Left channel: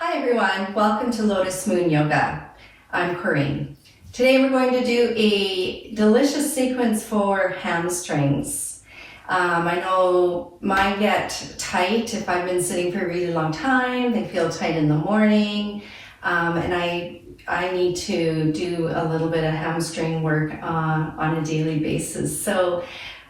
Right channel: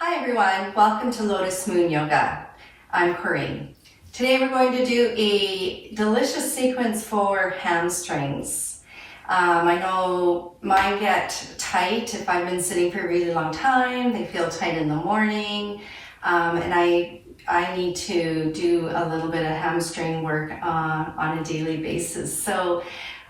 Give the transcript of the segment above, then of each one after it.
Hi everyone, welcome to Lotus Moon Yoga. I'm Corinne. Today we're going to do a delicious sequence for hamstrings. I know mine get tight if I've been sitting for a really long time. They feel tight in the morning, and I need to do a little bit of hamstring work on a daily basis. So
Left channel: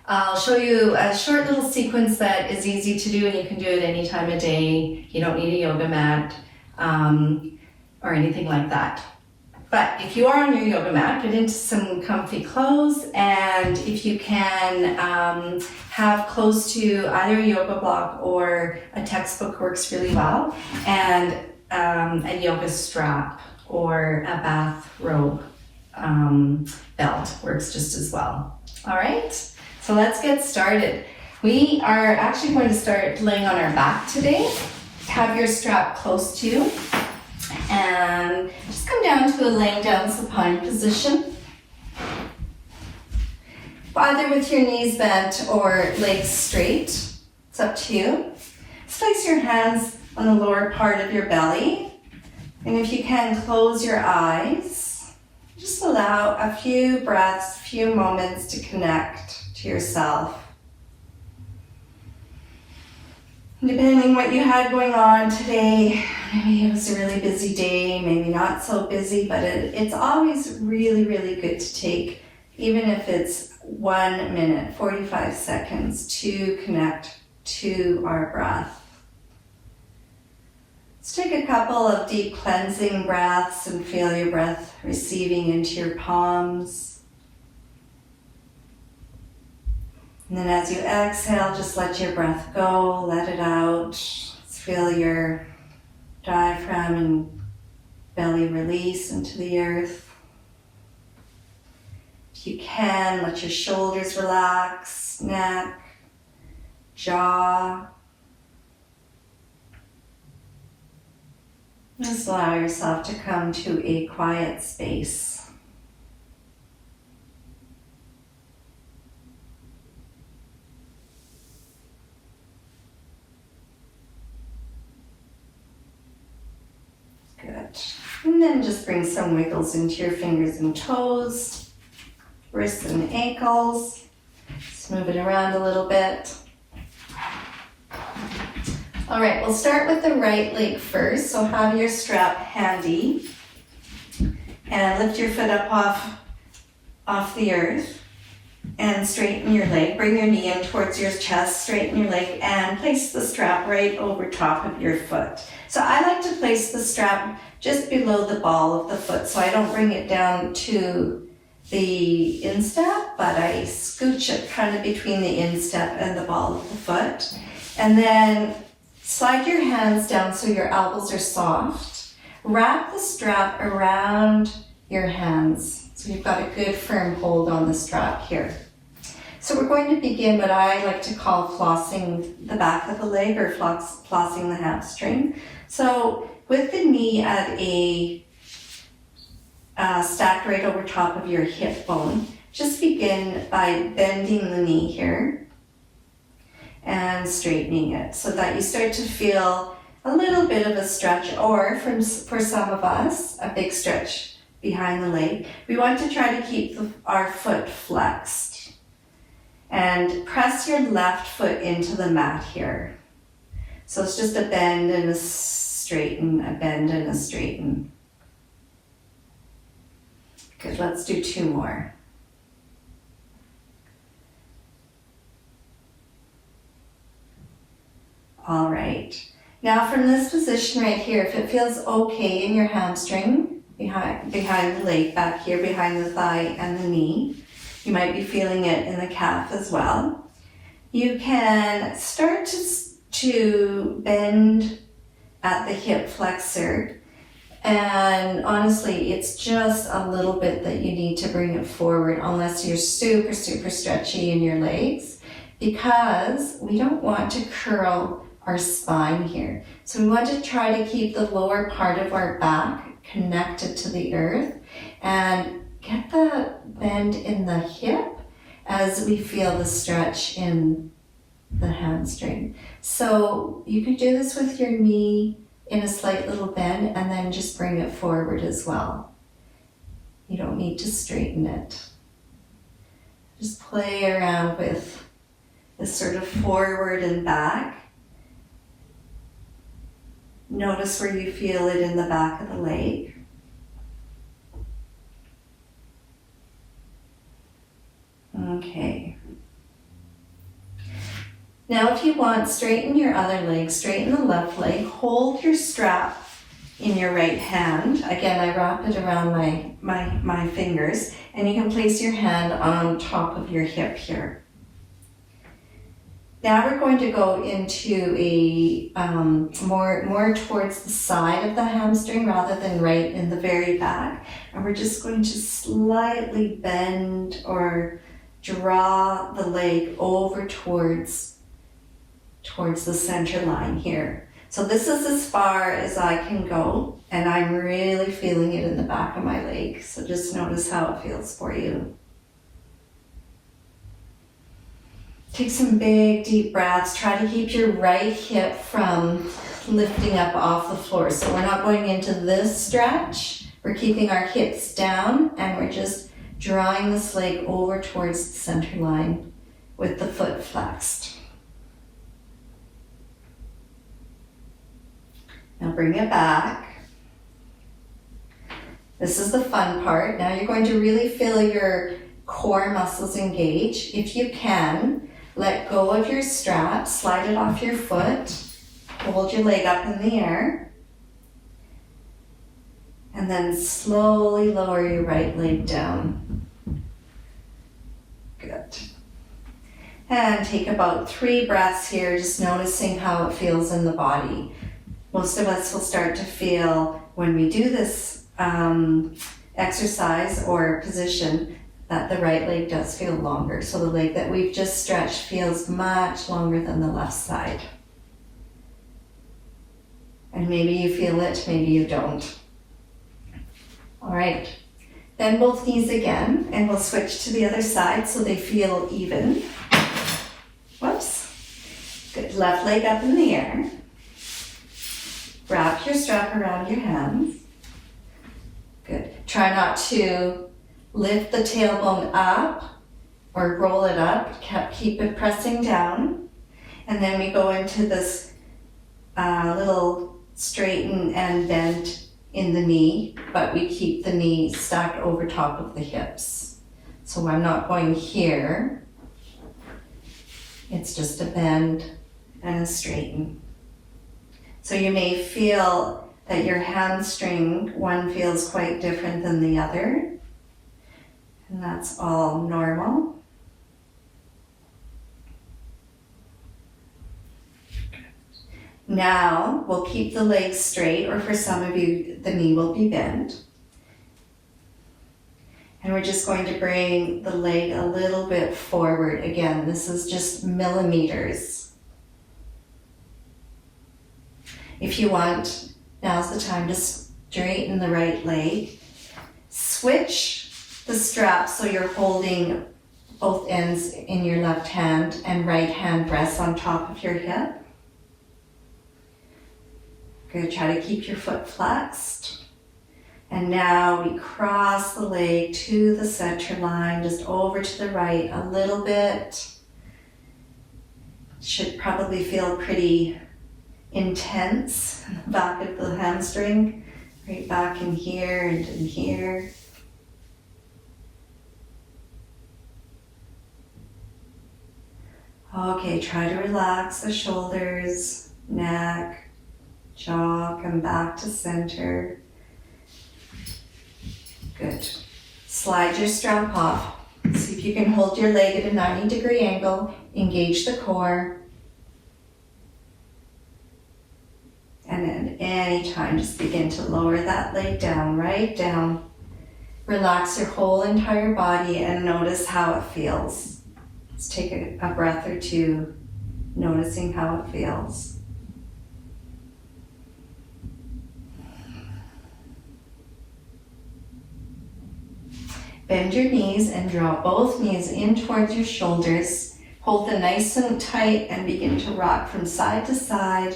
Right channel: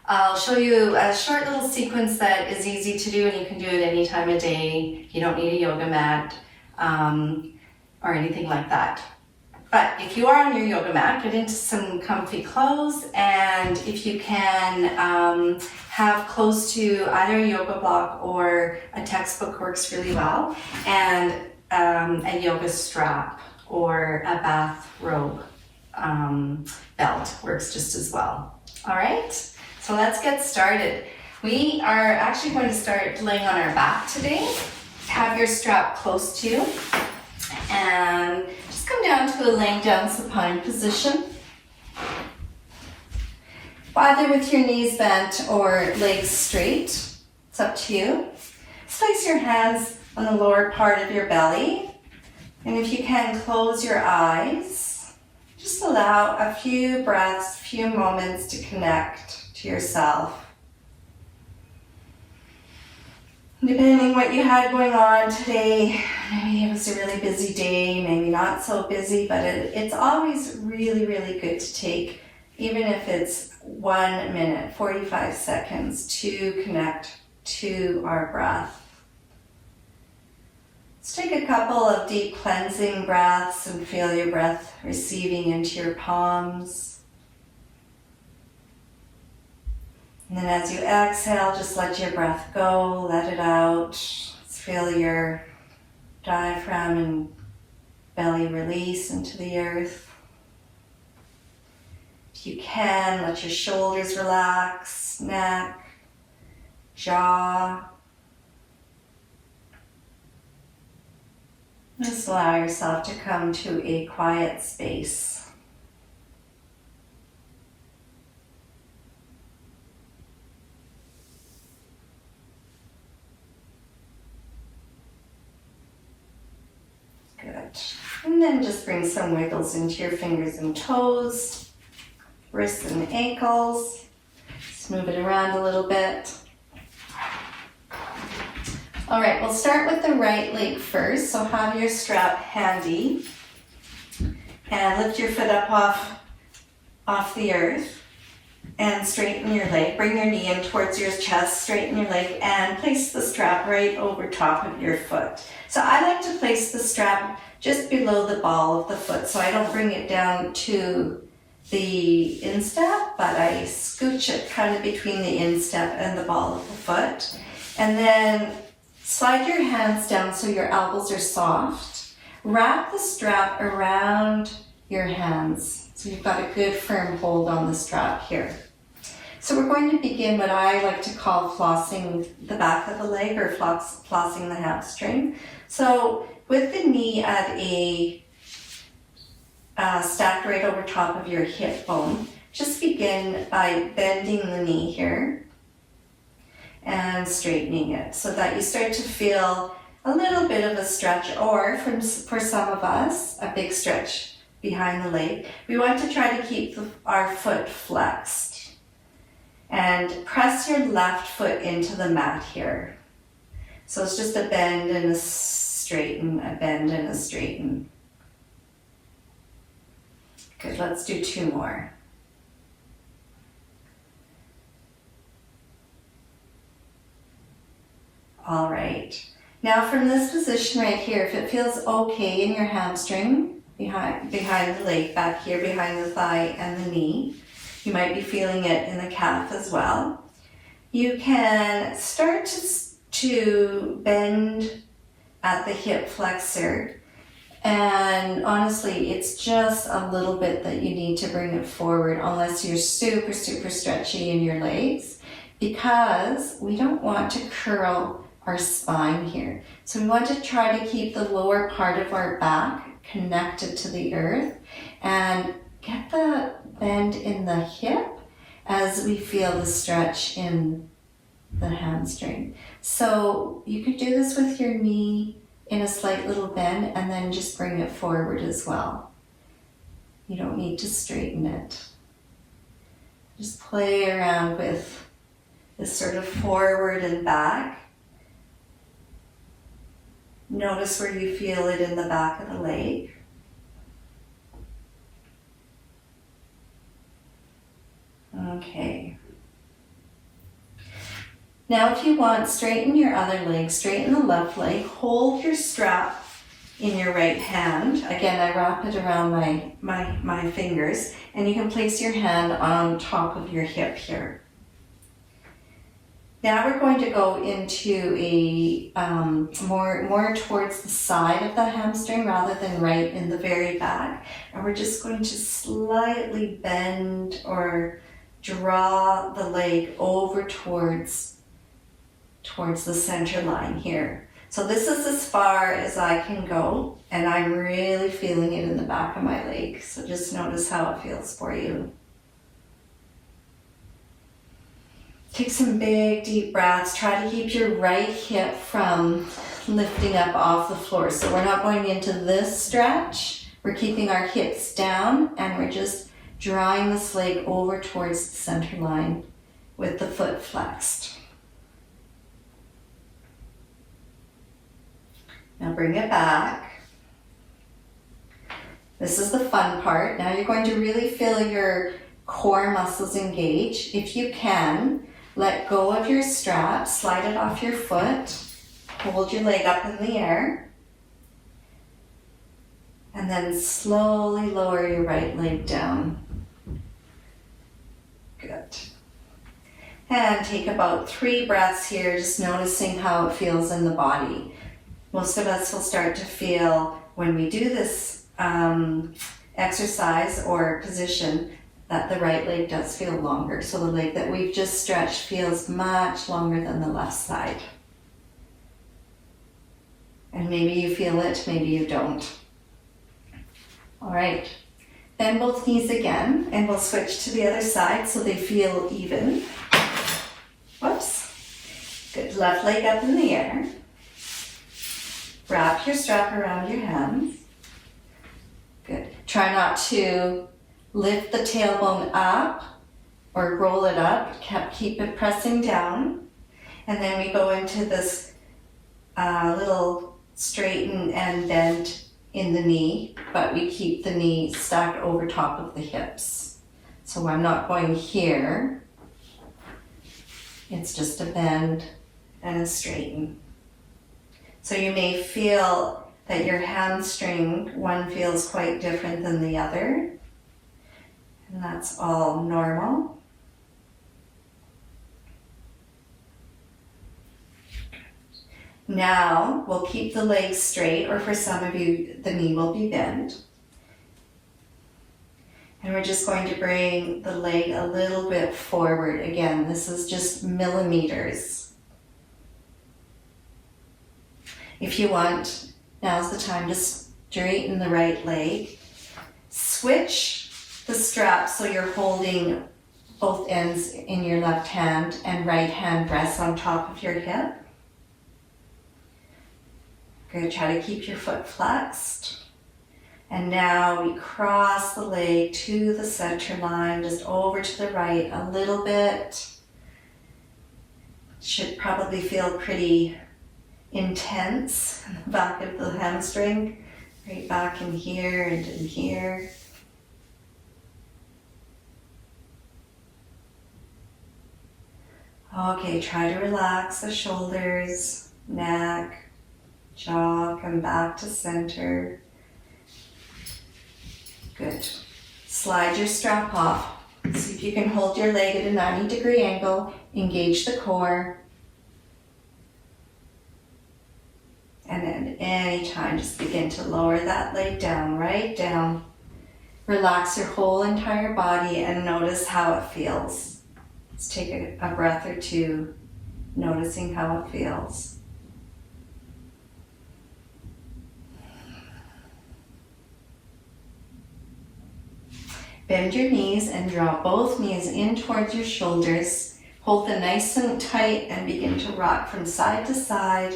I'll show you a short little sequence that is easy to do, and you can do it any time of day. You don't need a yoga mat or anything like that. But if you are on your yoga mat, get into some comfy clothes, and if you can have close to either a yoga block or a textbook works really well, and a yoga strap or a bathrobe belt works just as well. All right, so let's get started. We are actually going to start laying on our back today. Have your strap close to you and just come down to a laying down supine position, either with your knees bent or legs straight. It's up to you. Place your hands on the lower part of your belly, and if you can, close your eyes. Just allow a few breaths, a few moments to connect to yourself. Depending on what you had going on today, maybe it was a really busy day, maybe not so busy, but it's always really, really good to take, even if it's 1 minute, 45 seconds, to connect to our breath. Let's take a couple of deep cleansing breaths and feel your breath receiving into your palms. And then as you exhale, just let your breath go, let it out. Let's feel your diaphragm and belly release into the earth. If you can, let your shoulders relax, neck, jaw. Just allow yourself to come to a quiet space. Good. And then just bring some wiggles into your fingers and toes, wrists and ankles. Just move it around a little bit. All right, we'll start with the right leg first. So have your strap handy and lift your foot up off the earth and straighten your leg. Bring your knee in towards your chest, straighten your leg, and place the strap right over top of your foot. So I like to place the strap just below the ball of the foot, so I don't bring it down to the instep, but I scooch it kind of between the instep and the ball of the foot. And then slide your hands down so your elbows are soft. Wrap the strap around your hands so you've got a good firm hold on the strap here. So we're going to begin what I like to call flossing the back of the leg, or flossing the hamstring. So with the knee at a stacked right over top of your hip bone, just begin by bending the knee here and straightening it so that you start to feel a little bit of a stretch, or for some of us, a big stretch behind the leg. We want to try to keep our foot flexed. And press your left foot into the mat here. So it's just a bend and a straighten, a bend and a straighten. Good, let's do 2 more. All right. Now from this position right here, if it feels okay in your hamstring, behind the leg, back here behind the thigh and the knee, you might be feeling it in the calf as well. You can start to bend at the hip flexor, and honestly, it's just a little bit that you need to bring it forward, unless you're super, super stretchy in your legs, because we don't want to curl our spine here. So we want to try to keep the lower part of our back connected to the earth and get the bend in the hip as we feel the stretch in the hamstring. So you can do this with your knee in a slight little bend, and then just bring it forward as well. You don't need to straighten it. Just play around with this sort of forward and back. Notice where you feel it in the back of the leg. Okay. Now if you want, straighten your other leg, straighten the left leg, hold your strap in your right hand. Again, I wrap it around my fingers, and you can place your hand on top of your hip here. Now we're going to go into a more towards the side of the hamstring rather than right in the very back. And we're just going to slightly bend or draw the leg over towards the center line here. So this is as far as I can go, and I'm really feeling it in the back of my leg. So just notice how it feels for you. Take some big deep breaths. Try to keep your right hip from lifting up off the floor. So we're not going into this stretch. We're keeping our hips down, and we're just drawing this leg over towards the center line with the foot flexed. Now bring it back. This is the fun part. Now you're going to really feel your core muscles engage. If you can, let go of your strap, slide it off your foot, hold your leg up in the air, and then slowly lower your right leg down. Good. And take about 3 breaths here, just noticing how it feels in the body. Most of us will start to feel when we do this exercise or position that the right leg does feel longer. So the leg that we've just stretched feels much longer than the left side. And maybe you feel it, maybe you don't. All right, bend both knees again, and we'll switch to the other side so they feel even. Whoops. Good, left leg up in the air. Wrap your strap around your hands. Good. Try not to lift the tailbone up or roll it up. Keep it pressing down. And then we go into this little straighten and bend in the knee, but we keep the knee stacked over top of the hips. So I'm not going here. It's just a bend and a straighten. So you may feel that your hamstring, one feels quite different than the other. And that's all normal. Now we'll keep the legs straight, or for some of you, the knee will be bent. And we're just going to bring the leg a little bit forward. Again, this is just millimeters. If you want, now's the time to straighten the right leg. Switch the strap so you're holding both ends in your left hand, and right hand rests on top of your hip. Good, try to keep your foot flexed. And now we cross the leg to the center line, just over to the right a little bit. Should probably feel pretty intense back of the hamstring, right back in here and in here. Okay, try to relax the shoulders, neck, jaw, come back to center. Good. Slide your strap off. See if you can hold your leg at a 90-degree angle, engage the core. And then anytime, just begin to lower that leg down, right down. Relax your whole entire body and notice how it feels. Let's take a breath or two, noticing how it feels. Bend your knees and draw both knees in towards your shoulders. Hold them nice and tight and begin to rock from side to side.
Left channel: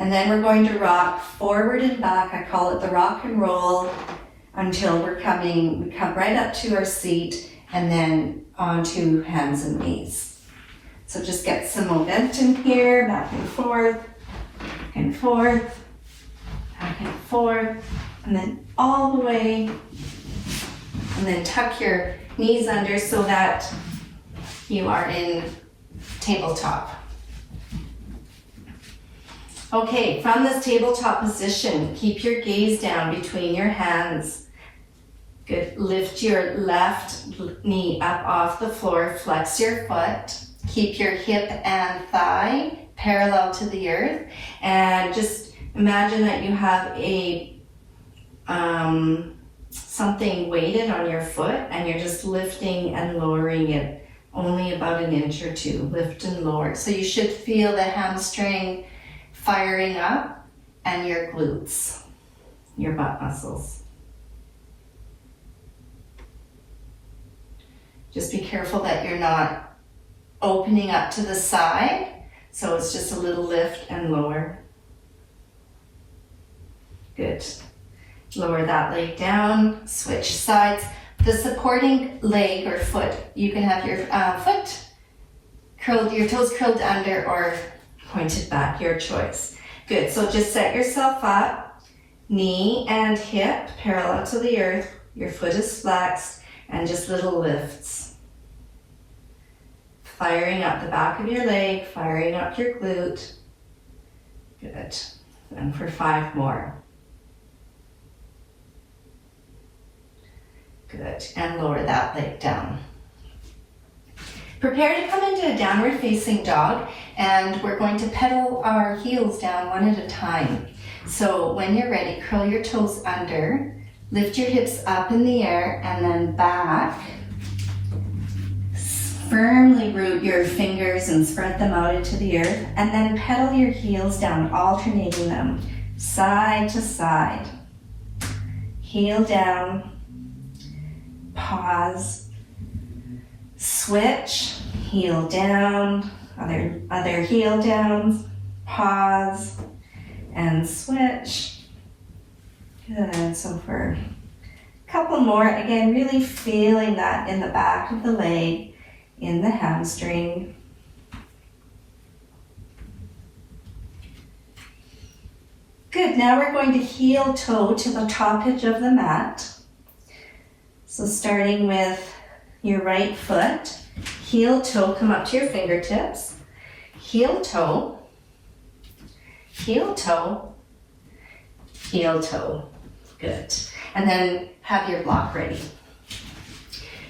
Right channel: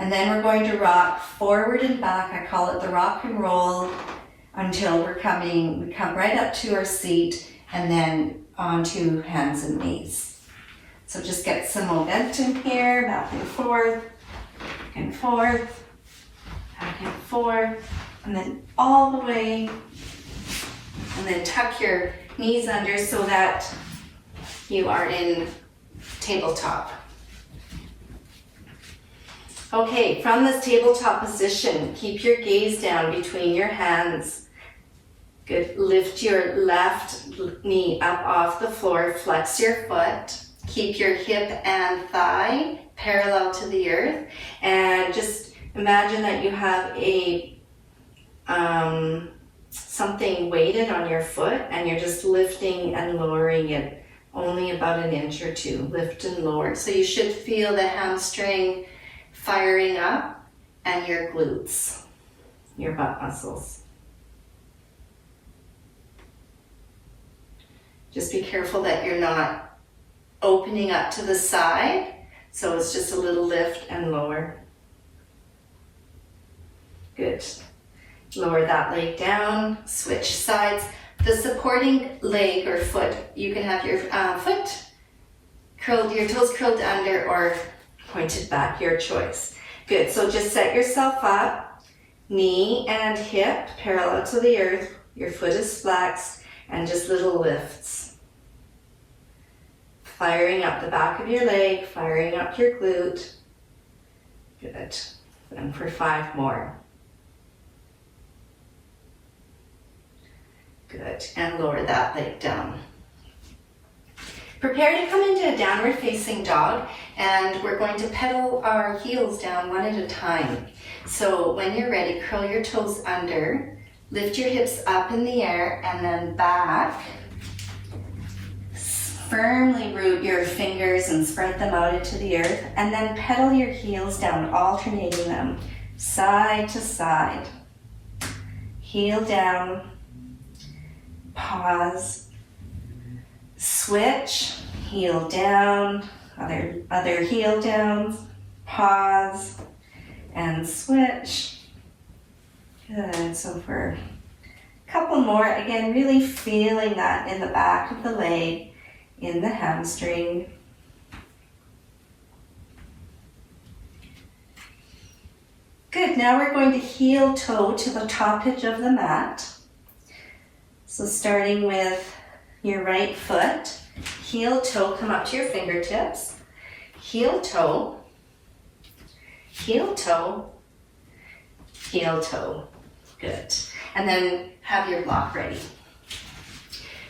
And then we're going to rock forward and back. I call it the rock and roll until we come right up to our seat and then onto hands and knees. So just get some momentum here, back and forth, back and forth, and then all the way. And then tuck your knees under so that you are in tabletop. Okay, from this tabletop position, keep your gaze down between your hands. Good. Lift your left knee up off the floor, flex your foot. Keep your hip and thigh parallel to the earth. And just imagine that you have a something weighted on your foot and you're just lifting and lowering it only about an inch or two. Lift and lower. So you should feel the hamstring firing up and your glutes, your butt muscles. Just be careful that you're not opening up to the side, so it's just a little lift and lower. Good. Lower that leg down, switch sides. The supporting leg or foot, you can have your foot curled, your toes curled under or pointed back, your choice. Good, so just set yourself up, knee and hip parallel to the earth, your foot is flexed, and just little lifts. Firing up the back of your leg, firing up your glute. Good, and for 5 more. Good, and lower that leg down. Prepare to come into a downward facing dog, and we're going to pedal our heels down one at a time. So when you're ready, curl your toes under, lift your hips up in the air and then back. Firmly root your fingers and spread them out into the earth, and then pedal your heels down, alternating them side to side. Heel down, pause, switch, heel down, other heel downs, pause, and switch. Good, so for a couple more, again, really feeling that in the back of the leg, in the hamstring. Good, now we're going to heel toe to the top edge of the mat. So starting with your right foot, heel toe, come up to your fingertips, heel toe, heel toe, heel toe. Good. And then have your block ready.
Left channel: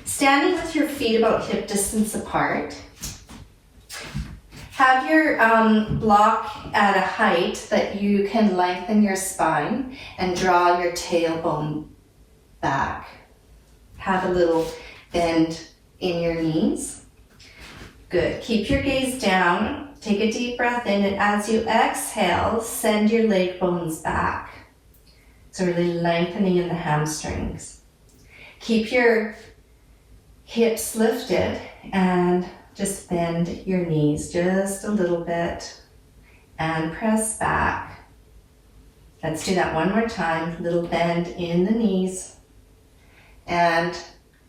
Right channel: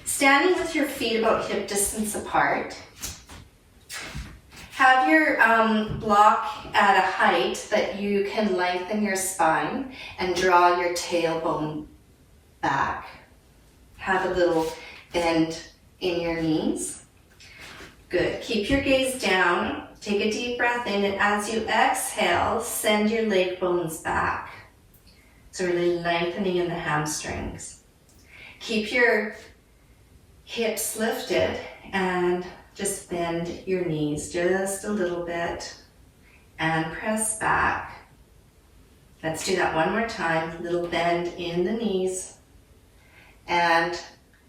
Standing with your feet about hip distance apart. Have your block at a height that you can lengthen your spine and draw your tailbone back. Have a little bend in your knees. Good. Keep your gaze down. Take a deep breath in, and as you exhale, send your leg bones back. So really lengthening in the hamstrings. Keep your hips lifted and just bend your knees just a little bit and press back. Let's do that one more time. Little bend in the knees and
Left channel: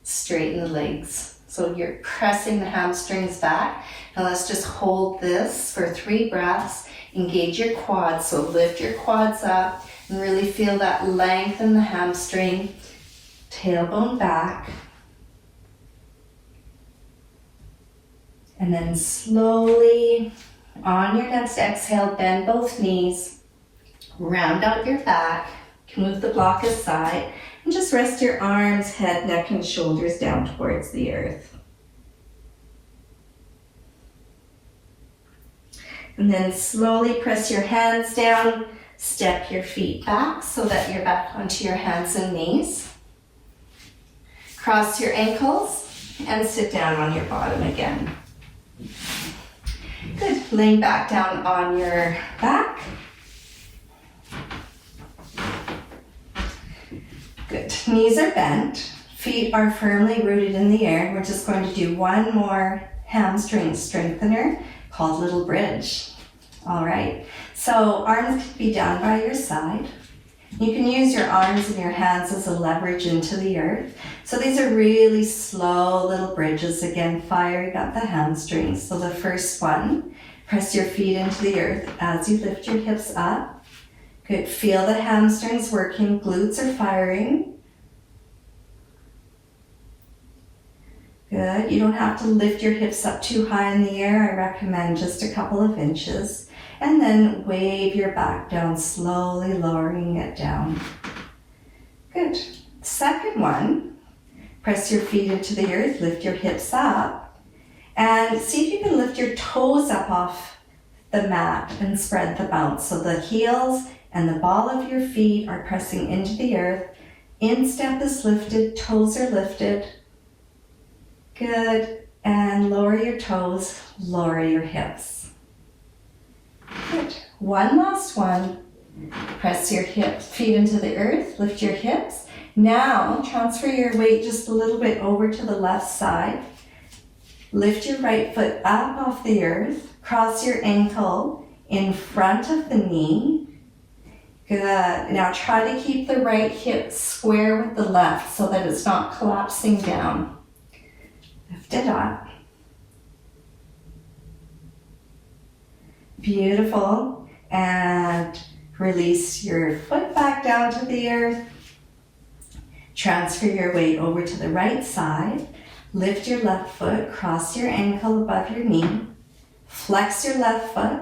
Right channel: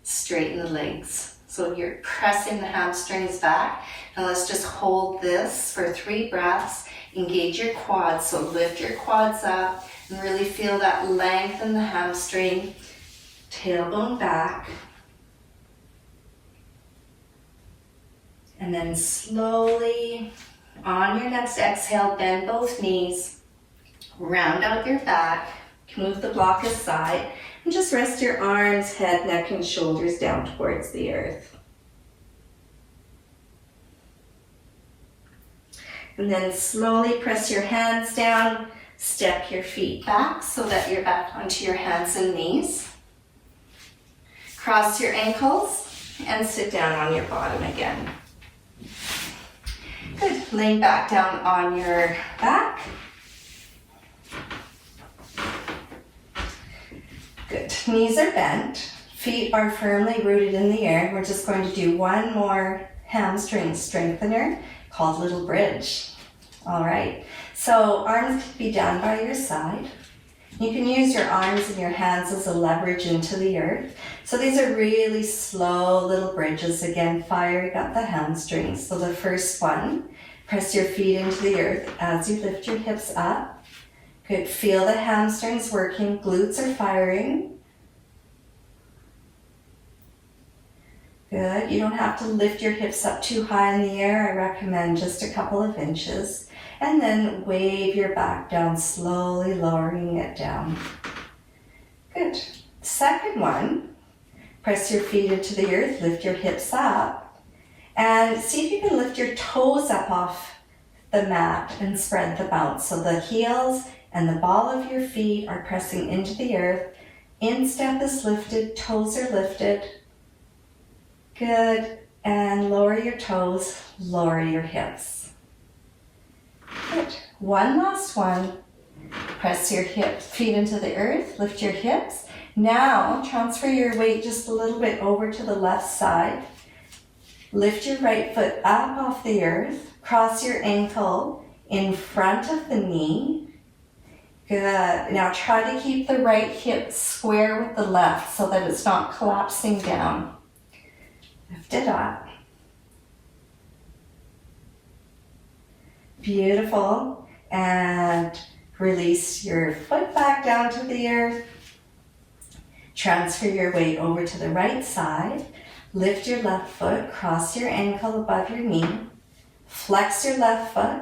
straighten the legs. So you're pressing the hamstrings back. Now let's just hold this for 3 breaths. Engage your quads, so lift your quads up and really feel that length in the hamstring. Tailbone back. And then slowly, on your next exhale, bend both knees. Round out your back. You can move the block aside. And just rest your arms, head, neck, and shoulders down towards the earth. And then slowly press your hands down, step your feet back so that you're back onto your hands and knees. Cross your ankles and sit down on your bottom again. Good. Lay back down on your back. Good. Knees are bent. Feet are firmly rooted in the air. We're just going to do one more hamstring strengthener called little bridge. All right. So arms can be down by your side. You can use your arms and your hands as a leverage into the earth. So these are really slow little bridges. Again, firing up the hamstrings. So the first one, press your feet into the earth as you lift your hips up. Good, feel the hamstrings working, glutes are firing. Good, you don't have to lift your hips up too high in the air. I recommend just a couple of inches. And then wave your back down, slowly lowering it down. Good. Second one, press your feet into the earth, lift your hips up, and see if you can lift your toes up off the mat and spread the bounce. So the heels and the ball of your feet are pressing into the earth. Instep is lifted, toes are lifted. Good. And lower your toes, lower your hips. Good. One last one. Press your feet into the earth, lift your hips. Now transfer your weight just a little bit over to the left side. Lift your right foot up off the earth. Cross your ankle in front of the knee. Good. Now try to keep the right hip square with the left so that it's not collapsing down. Lift it up. Beautiful. And release your foot back down to the earth. Transfer your weight over to the right side. Lift your left foot, cross your ankle above your knee. Flex your left foot.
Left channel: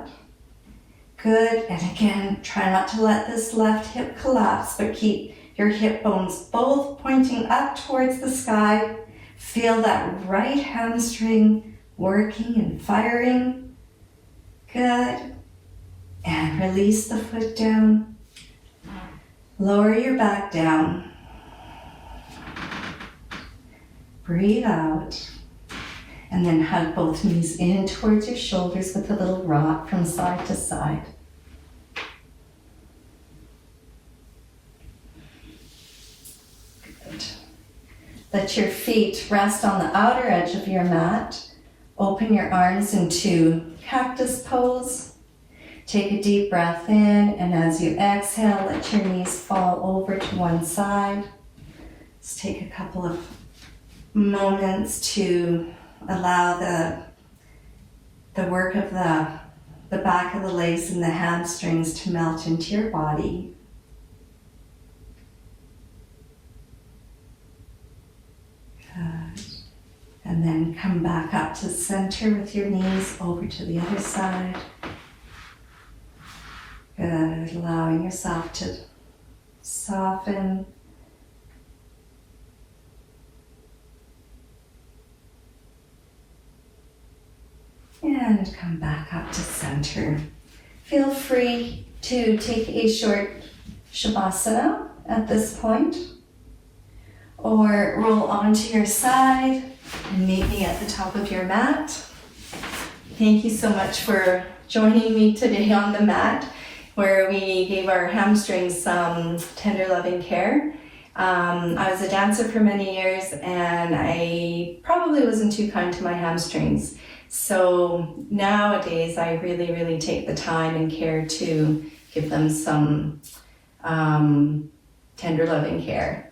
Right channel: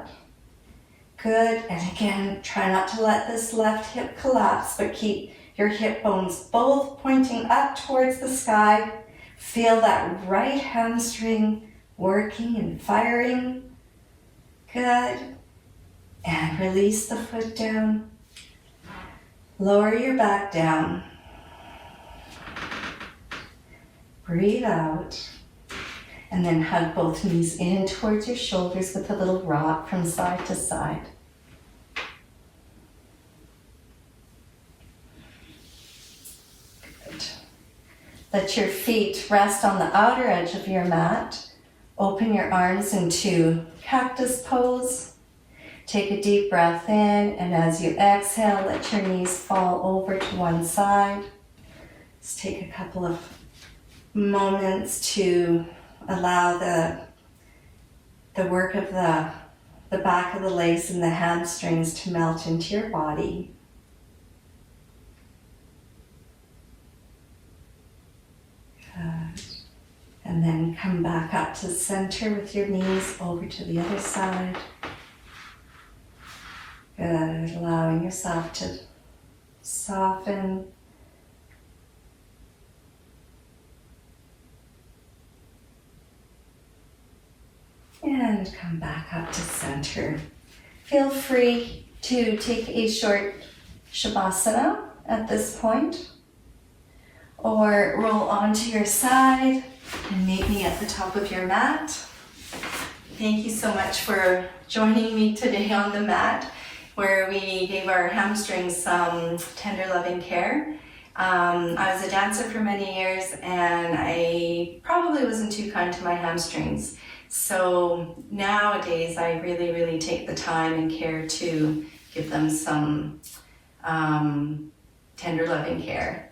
Good. And again, try not to let this left hip collapse, but keep your hip bones both pointing up towards the sky. Feel that right hamstring working and firing. Good. And release the foot down. Lower your back down. Breathe out. And then hug both knees in towards your shoulders with a little rock from side to side. Good. Let your feet rest on the outer edge of your mat. Open your arms into cactus pose. Take a deep breath in, and as you exhale, let your knees fall over to one side. Let's take a couple of moments to allow the work of the back of the legs and the hamstrings to melt into your body. Good. And then come back up to center with your knees over to the other side. Good. Allowing yourself to soften. And come back up to center. Feel free to take a short Shavasana at this point, or roll onto your side and meet me at the top of your mat. Thank you so much for joining me today on the mat, where we gave our hamstrings some tender loving care. I was a dancer for many years, and I probably wasn't too kind to my hamstrings. So nowadays I really, really take the time and care to give them some tender loving care.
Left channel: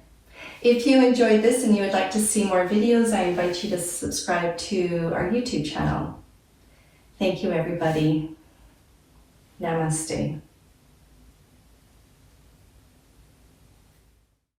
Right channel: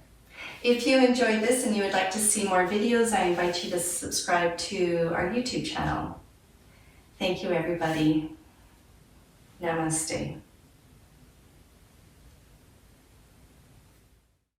If you enjoyed this and you would like to see more videos, I invite you to subscribe to our YouTube channel. Thank you, everybody. Namaste.